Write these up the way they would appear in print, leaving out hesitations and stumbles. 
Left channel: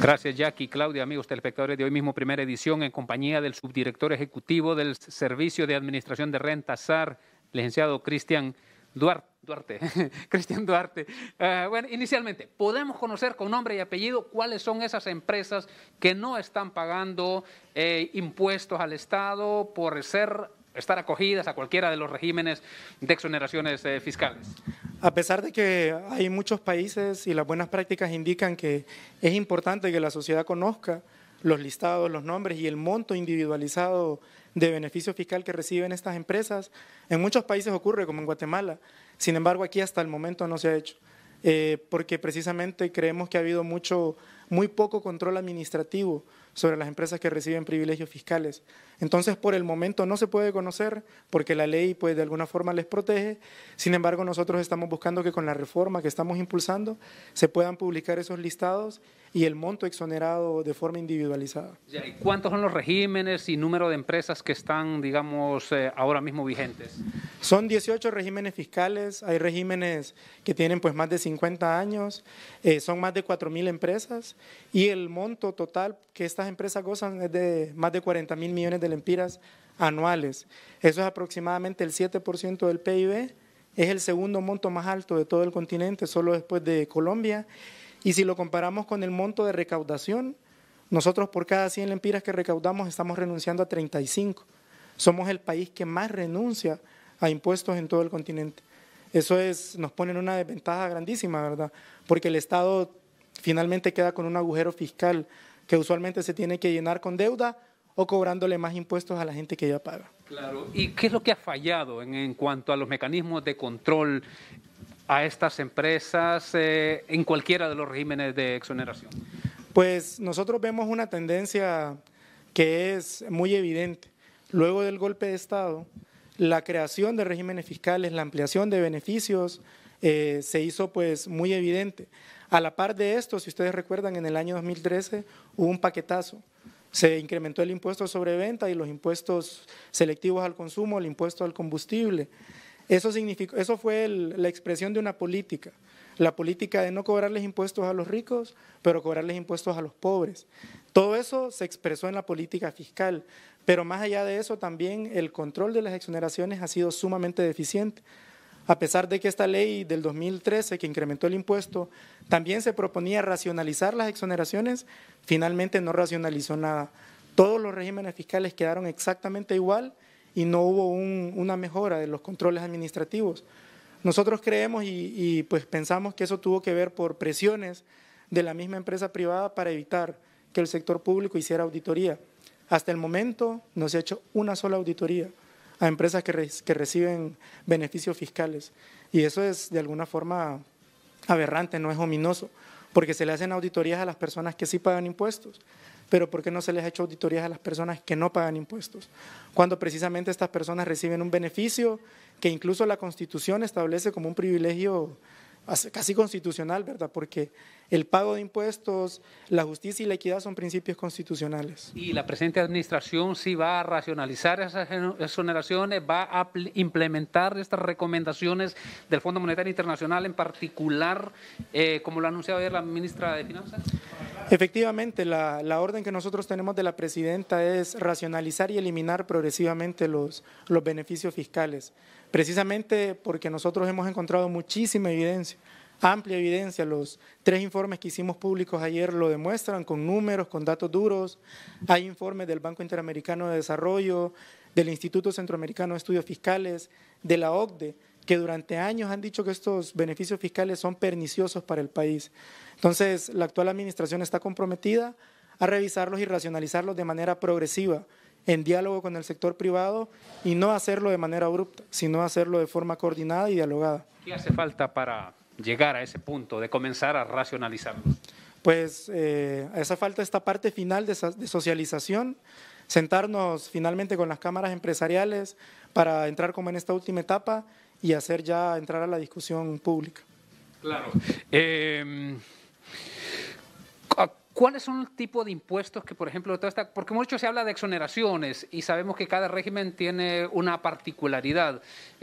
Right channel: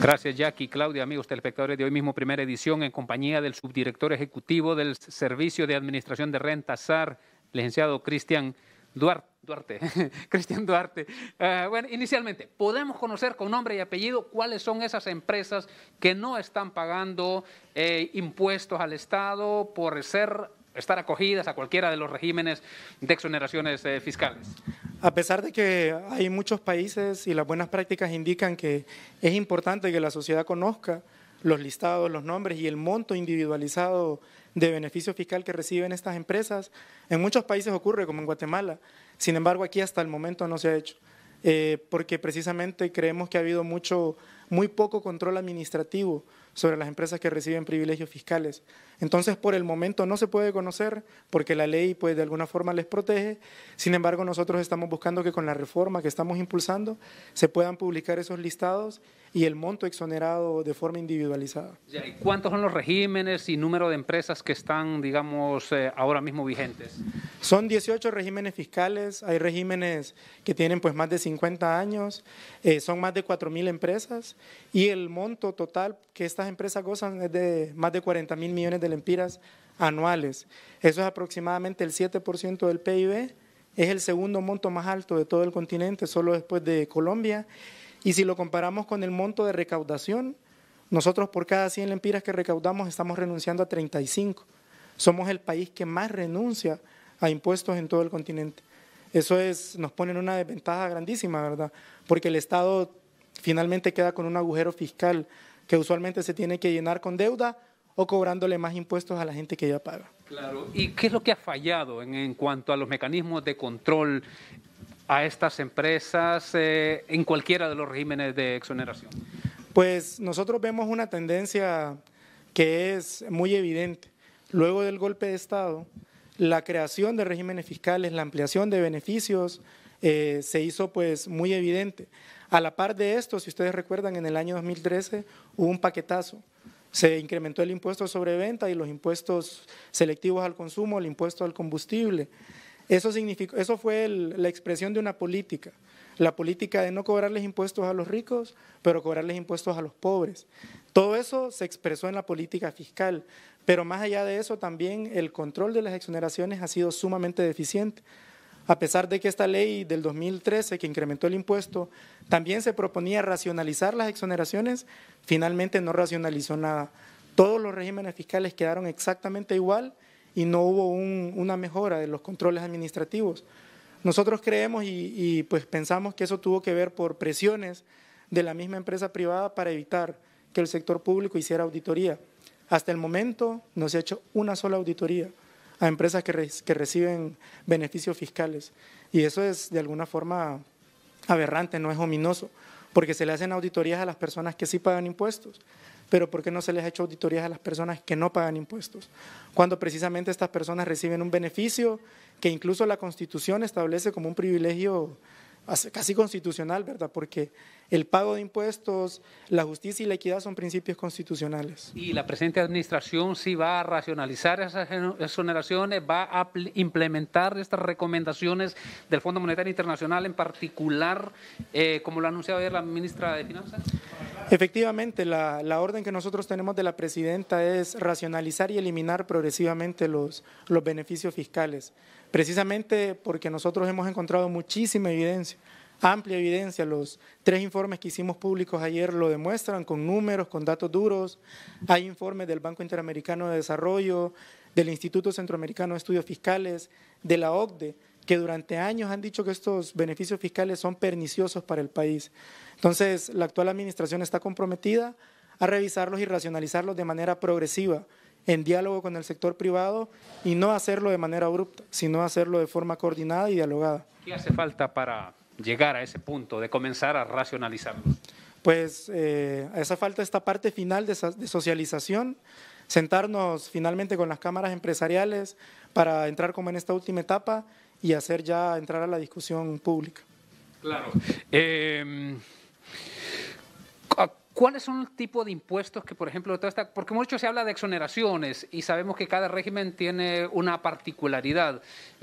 Gracias, Jackie. Claudia, amigos telespectadores de hoy mismo, primera edición, en compañía del subdirector ejecutivo del Servicio de Administración de Renta, SAR, licenciado Cristian Duarte. Cristian Duarte. Bueno, inicialmente, ¿podemos conocer con nombre y apellido cuáles son esas empresas que no están pagando impuestos al Estado por estar acogidas a cualquiera de los regímenes de exoneraciones fiscales? A pesar de que hay muchos países y las buenas prácticas indican que es importante que la sociedad conozca los listados, los nombres y el monto individualizado de beneficio fiscal que reciben estas empresas, en muchos países ocurre, como en Guatemala. Sin embargo, aquí hasta el momento no se ha hecho, porque precisamente creemos que ha habido muy poco control administrativo sobre las empresas que reciben privilegios fiscales. Entonces, por el momento no se puede conocer porque la ley pues de alguna forma les protege. Sin embargo, nosotros estamos buscando que con la reforma que estamos impulsando se puedan publicar esos listados y el monto exonerado de forma individualizada. ¿Y cuántos son los regímenes y número de empresas que están, digamos, ahora mismo vigentes? Son 18 regímenes fiscales, hay regímenes que tienen pues más de 50 años, son más de 4.000 empresas y el monto total que estas empresas gozan es de más de 40.000 millones de lempiras anuales. Eso es aproximadamente el 7% del PIB, es el segundo monto más alto de todo el continente, solo después de Colombia. Y si lo comparamos con el monto de recaudación, nosotros por cada 100 lempiras que recaudamos estamos renunciando a 35. Somos el país que más renuncia a impuestos en todo el continente. Eso nos pone en una desventaja grandísima, ¿verdad? Porque el Estado finalmente queda con un agujero fiscal que usualmente se tiene que llenar con deuda o cobrándole más impuestos a la gente que ya paga. Claro. ¿Y qué es lo que ha fallado en cuanto a los mecanismos de control a estas empresas en cualquiera de los regímenes de exoneración? Pues nosotros vemos una tendencia que es muy evidente. Luego del golpe de Estado, la creación de regímenes fiscales, la ampliación de beneficios se hizo pues muy evidente. A la par de esto, si ustedes recuerdan, en el año 2013 hubo un paquetazo. Se incrementó el impuesto sobre venta y los impuestos selectivos al consumo, el impuesto al combustible. Eso fue la expresión de una política, la política de no cobrarles impuestos a los ricos, pero cobrarles impuestos a los pobres. Todo eso se expresó en la política fiscal, pero más allá de eso también el control de las exoneraciones ha sido sumamente deficiente. A pesar de que esta ley del 2013, que incrementó el impuesto, también se proponía racionalizar las exoneraciones, finalmente no racionalizó nada. Todos los regímenes fiscales quedaron exactamente igual y no hubo una mejora de los controles administrativos. Nosotros creemos y pues pensamos que eso tuvo que ver por presiones de la misma empresa privada para evitar que el sector público hiciera auditoría. Hasta el momento no se ha hecho una sola auditoría a empresas que reciben beneficios fiscales. Y eso es de alguna forma aberrante, no es ominoso, porque se le hacen auditorías a las personas que sí pagan impuestos, pero ¿por qué no se les ha hecho auditorías a las personas que no pagan impuestos? Cuando precisamente estas personas reciben un beneficio que incluso la Constitución establece como un privilegio casi constitucional, ¿verdad? Porque el pago de impuestos, la justicia y la equidad son principios constitucionales. ¿Y la presente administración sí va a racionalizar esas exoneraciones, va a implementar estas recomendaciones del Fondo Monetario Internacional, en particular, como lo ha anunciado ayer la ministra de Finanzas? Efectivamente, la orden que nosotros tenemos de la presidenta es racionalizar y eliminar progresivamente los beneficios fiscales, precisamente porque nosotros hemos encontrado muchísima evidencia, amplia evidencia. Los 3 informes que hicimos públicos ayer lo demuestran con números, con datos duros. Hay informes del Banco Interamericano de Desarrollo, del Instituto Centroamericano de Estudios Fiscales, de la OCDE, que durante años han dicho que estos beneficios fiscales son perniciosos para el país. Entonces, la actual administración está comprometida a revisarlos y racionalizarlos de manera progresiva, en diálogo con el sector privado, y no hacerlo de manera abrupta, sino hacerlo de forma coordinada y dialogada. ¿Qué hace falta para llegar a ese punto de comenzar a racionalizarlos? Pues hace falta esta parte final de socialización, sentarnos finalmente con las cámaras empresariales para entrar como en esta última etapa y entrar a la discusión pública. Claro. ¿Cuáles son el tipo de impuestos que, por ejemplo, porque mucho se habla de exoneraciones y sabemos que cada régimen tiene una particularidad,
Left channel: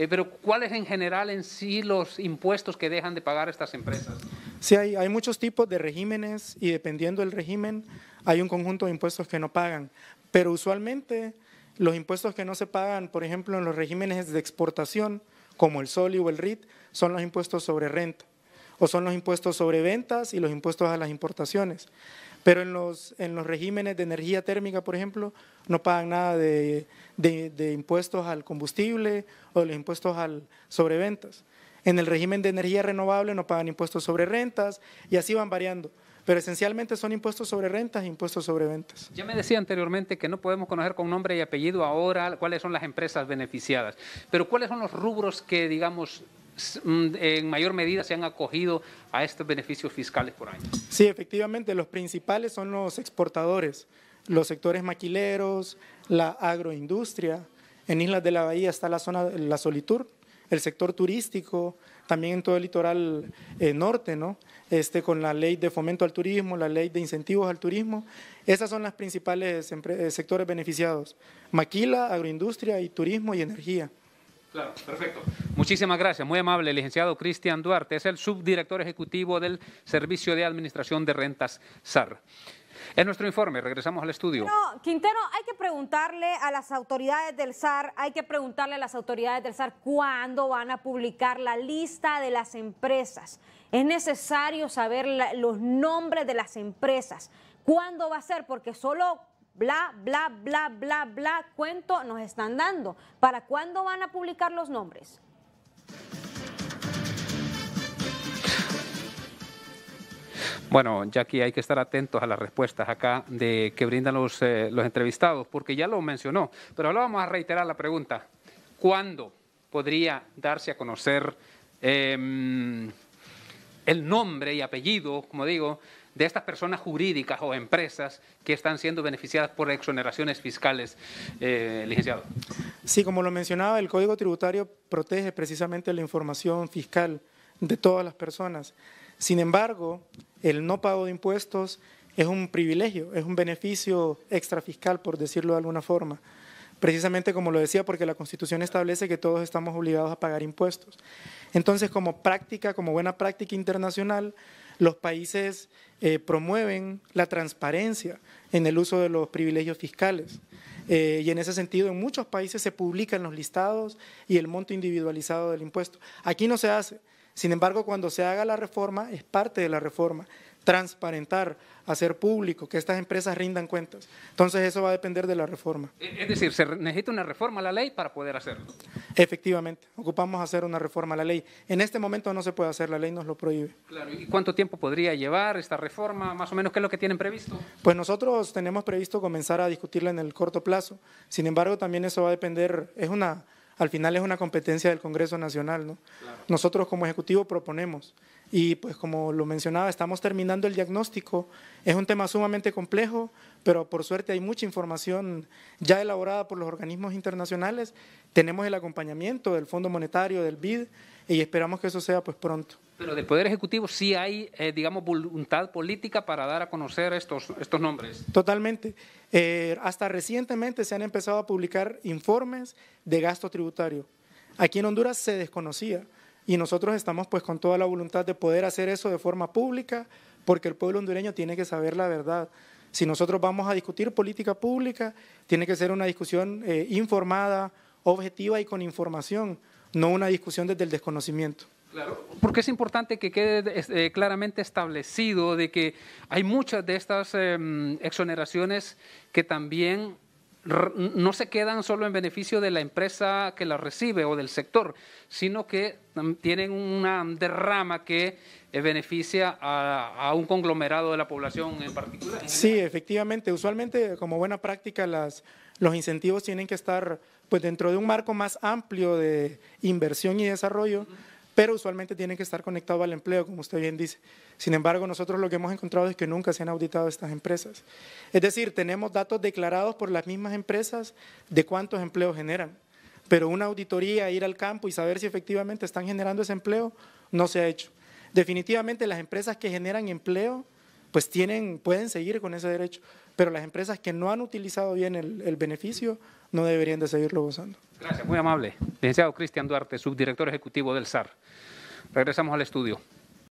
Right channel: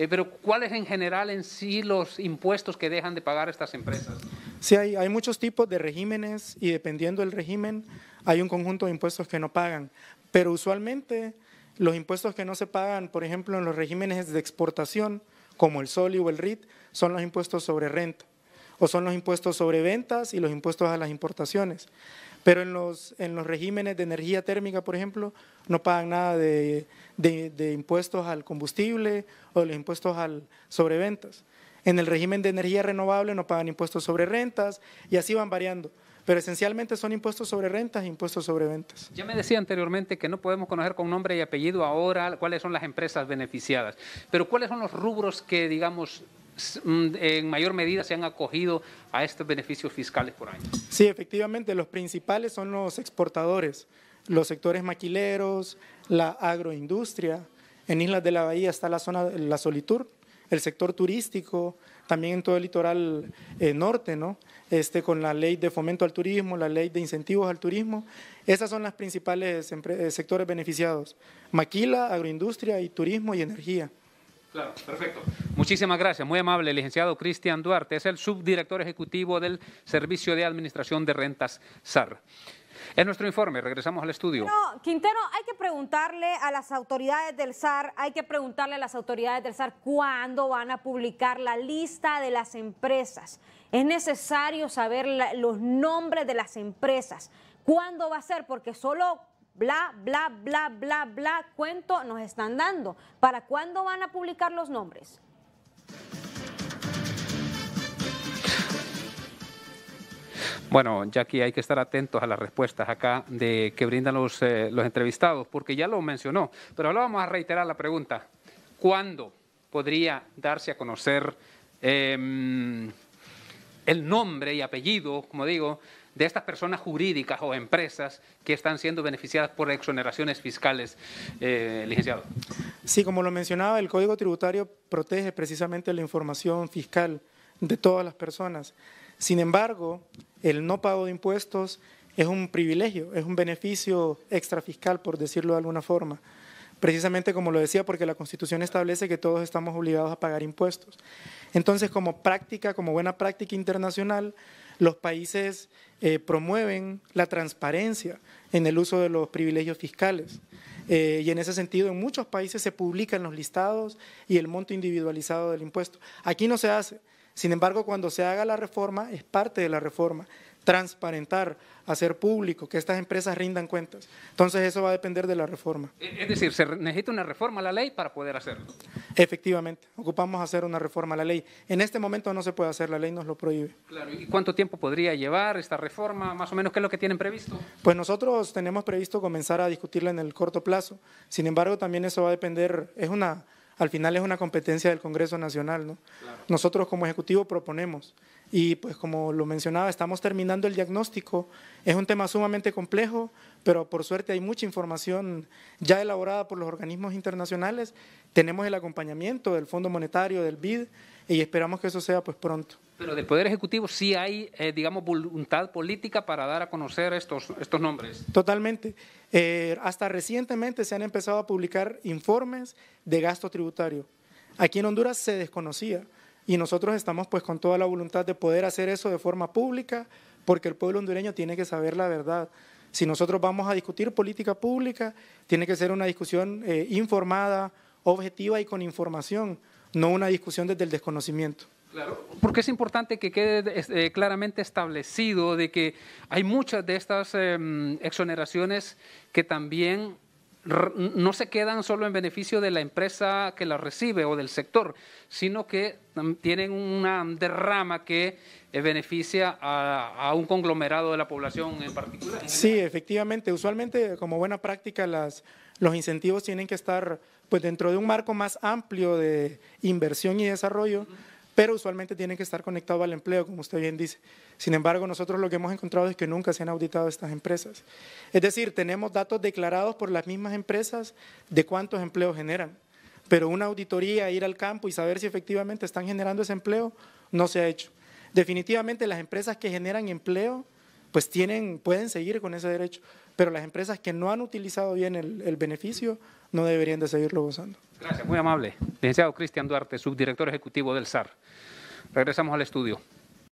pero ¿cuáles en general en sí los impuestos que dejan de pagar estas empresas? Sí, hay muchos tipos de regímenes y dependiendo del régimen hay un conjunto de impuestos que no pagan, pero usualmente los impuestos que no se pagan, por ejemplo, en los regímenes de exportación, como el SOLI o el RIT, son los impuestos sobre renta, o son los impuestos sobre ventas y los impuestos a las importaciones. Pero en los regímenes de energía térmica, por ejemplo, no pagan nada de impuestos al combustible o de los impuestos sobre ventas. En el régimen de energía renovable no pagan impuestos sobre rentas y así van variando. Pero esencialmente son impuestos sobre rentas e impuestos sobre ventas. Ya me decía anteriormente que no podemos conocer con nombre y apellido ahora cuáles son las empresas beneficiadas, pero ¿cuáles son los rubros que, digamos, en mayor medida se han acogido a estos beneficios fiscales por año? Sí, efectivamente, los principales son los exportadores, los sectores maquileros, la agroindustria. En Islas de la Bahía está la zona, la Solitur, el sector turístico, también en todo el litoral norte, ¿no? Con la ley de fomento al turismo, la ley de incentivos al turismo. Esas son las principales sectores beneficiados: maquila, agroindustria y turismo y energía. Claro, perfecto. Muchísimas gracias, muy amable, licenciado Cristian Duarte, es el subdirector ejecutivo del Servicio de Administración de Rentas SAR. En nuestro informe, regresamos al estudio. No, Quintero, hay que preguntarle a las autoridades del SAR, cuándo van a publicar la lista de las empresas. Es necesario saber los nombres de las empresas. ¿Cuándo va a ser? Porque solo bla, bla, bla, bla, bla, cuento nos están dando. ¿Para cuándo van a publicar los nombres? Bueno, Jackie, hay que estar atentos a las respuestas acá que brindan los entrevistados, porque ya lo mencionó, pero ahora vamos a reiterar la pregunta. ¿Cuándo podría darse a conocer el nombre y apellido, como digo, de estas personas jurídicas o empresas que están siendo beneficiadas por exoneraciones fiscales, licenciado? Sí, como lo mencionaba, el Código Tributario protege precisamente la información fiscal de todas las personas. Sin embargo, el no pago de impuestos es un privilegio, es un beneficio extrafiscal, por decirlo de alguna forma. Precisamente como lo decía, porque la Constitución establece que todos estamos obligados a pagar impuestos. Entonces, como buena práctica internacional, los países promueven la transparencia en el uso de los privilegios fiscales. Y en ese sentido, en muchos países se publican los listados y el monto individualizado del impuesto. Aquí no se hace. Sin embargo, cuando se haga la reforma, es parte de la reforma, transparentar, hacer público, que estas empresas rindan cuentas. Entonces, eso va a depender de la reforma. Es decir, se necesita una reforma a la ley para poder hacerlo. Efectivamente, ocupamos hacer una reforma a la ley. En este momento no se puede hacer, la ley nos lo prohíbe. Claro. ¿Y cuánto tiempo podría llevar esta reforma? Más o menos, ¿qué es lo que tienen previsto? Pues nosotros tenemos previsto comenzar a discutirla en el corto plazo. Sin embargo, también eso va a depender, al final es una competencia del Congreso Nacional, ¿no? Claro. Nosotros como Ejecutivo proponemos y pues como lo mencionaba, estamos terminando el diagnóstico. Es un tema sumamente complejo, pero por suerte hay mucha información ya elaborada por los organismos internacionales. Tenemos el acompañamiento del Fondo Monetario, del BID, y esperamos que eso sea pues pronto. Pero del Poder Ejecutivo sí hay, digamos, voluntad política para dar a conocer estos nombres. Totalmente. Hasta recientemente se han empezado a publicar informes de gasto tributario. Aquí en Honduras se desconocía y nosotros estamos pues con toda la voluntad de poder hacer eso de forma pública, porque el pueblo hondureño tiene que saber la verdad. Si nosotros vamos a discutir política pública, tiene que ser una discusión informada, objetiva y con información, no una discusión desde el desconocimiento. Claro, porque es importante que quede claramente establecido de que hay muchas de estas exoneraciones que también no se quedan solo en beneficio de la empresa que las recibe o del sector, sino que tienen una derrama que beneficia a un conglomerado de la población en particular. Sí, efectivamente. Usualmente, como buena práctica, los incentivos tienen que estar pues dentro de un marco más amplio de inversión y desarrollo, pero usualmente tienen que estar conectados al empleo, como usted bien dice. Sin embargo, nosotros lo que hemos encontrado es que nunca se han auditado estas empresas. Es decir, tenemos datos declarados por las mismas empresas de cuántos empleos generan, pero una auditoría, ir al campo y saber si efectivamente están generando ese empleo, no se ha hecho. Definitivamente las empresas que generan empleo pues pueden seguir con ese derecho, pero las empresas que no han utilizado bien el beneficio no deberían de seguirlo gozando. Gracias, muy amable. Licenciado Cristian Duarte, subdirector ejecutivo del SAR. Regresamos al estudio.